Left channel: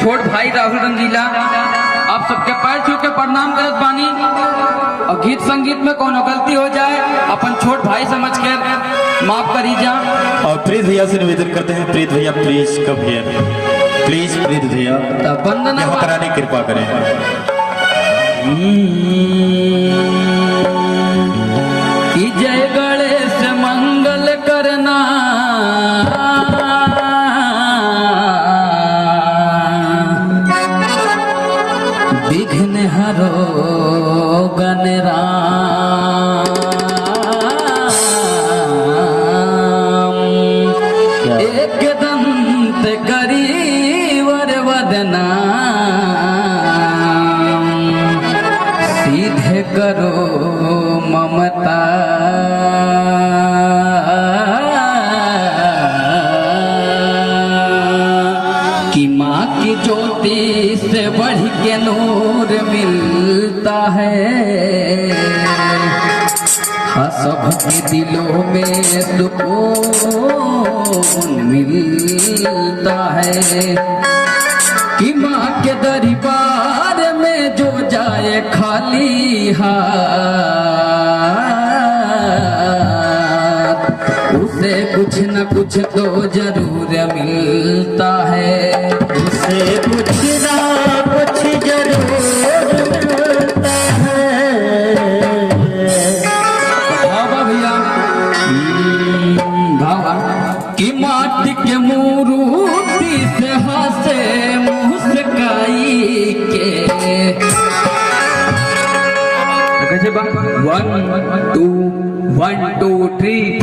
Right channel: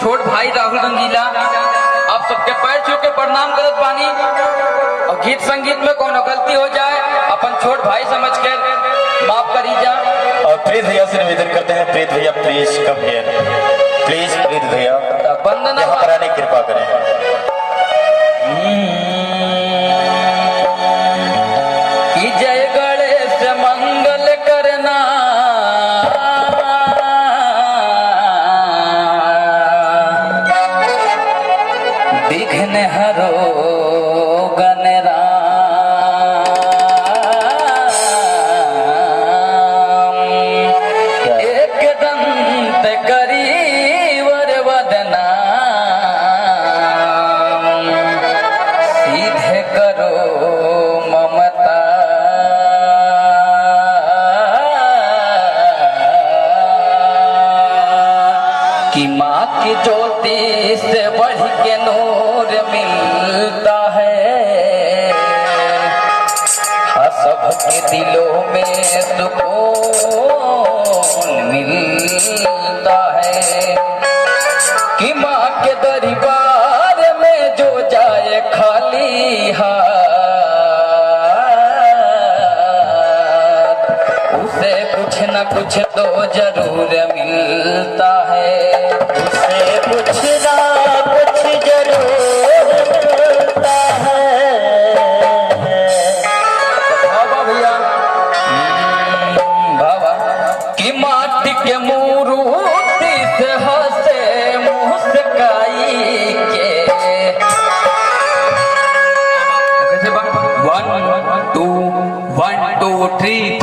छोट भाई राहुल रंगीला आप सबके पैर छू के प्रणाम करत बानी। और गीत संगीत में कोनो गलती हो जाए अपन छोट भाई समझ कर माफ करी जा। और प्रीत भैया से निवेदन करते हैं, प्रीत भैया प्लीज कब भैया प्लीज प्रीत भैया यहाँ पर आने की कृपा करें। कि जय गणेश मंगल करना विघ्न हरो गणराम एक दंत करीवर वदना सीधे करो ममता कि माँ की ज्योति से बढ़ के नूर मिलता है। हाँ सबके दिलों में सुकून मिलता है कि माँ के दरबार में जो जाए खाली हाथ उसे कुछ न कुछ तो जरूर मिलता है। उसे कुछ ना कुछ जरूर मिलता है। भावा भैया भावा कि माटी के मूर्ति से हंसे मुस्काई के कैसे 1 2 1 2 3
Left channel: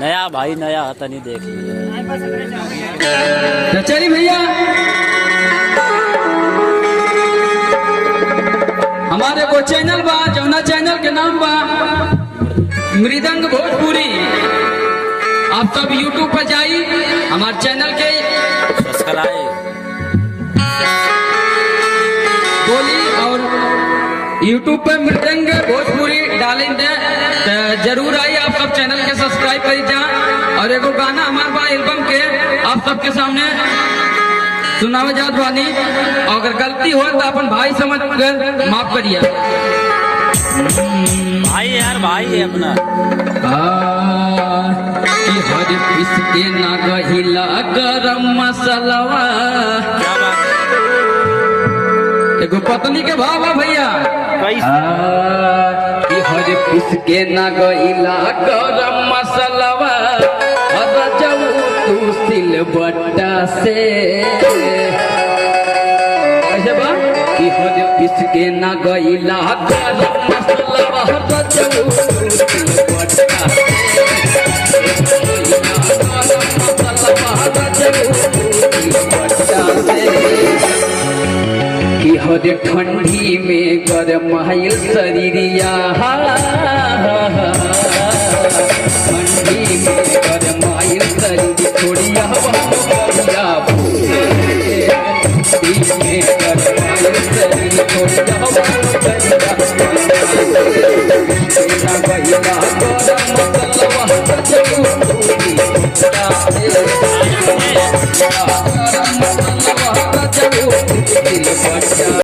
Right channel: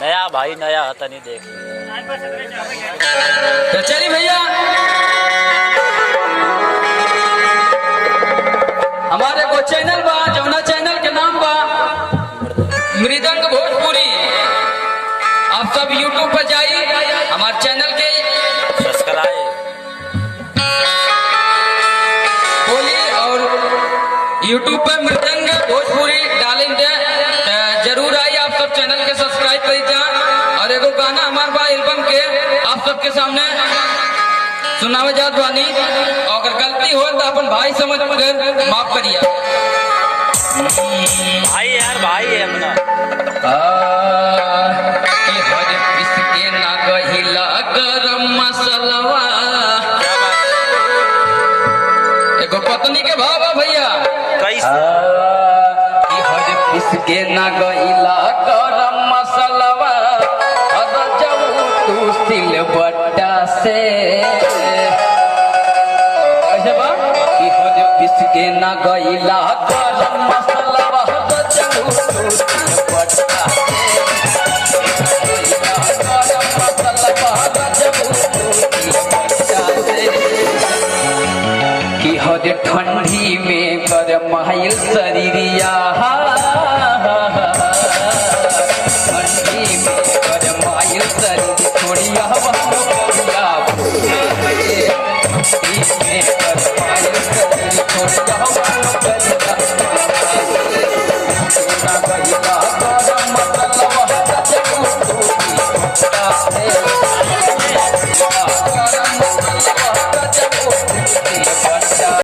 नया भाई नया हता नहीं देख तो चलिए भैया हमारे को चैनल बा जौना चैनल के नाम बा मृदंग भोजपुरी। आप सब यूट्यूब पर जाइए हमारे चैनल के सब्सक्राइब बोली और यूट्यूब पे मृदंग भोजपुरी डालेंगे तो जरूर आइए। आप सब चैनल के सब्सक्राइब कर जा। और एगो गाना हमारे बा एल्बम के आप सबके सामने सुनावे जात बानी। अगर गलती हो तो अपन भाई समझ कर माफ करिए। भाई यार भाई है अपना कि हर किसके ना गहिला गरम मसलवा क्या बात एगो पत्नी के भावा भैया कैसे कि हर किसके ना गहिला गरम मसलवा हर जाऊ तू सिल बट्टा से ऐसे बा कि हर किसके ना गहिला गरम मसलवा हर जाऊ तू सिल बट्टा कि हर ठंडी में गरम माइल शरीरिया ठंडी में गरम माइल शरीर छोड़िया पीछे करवाए शरीर को जवान करिया भैया करम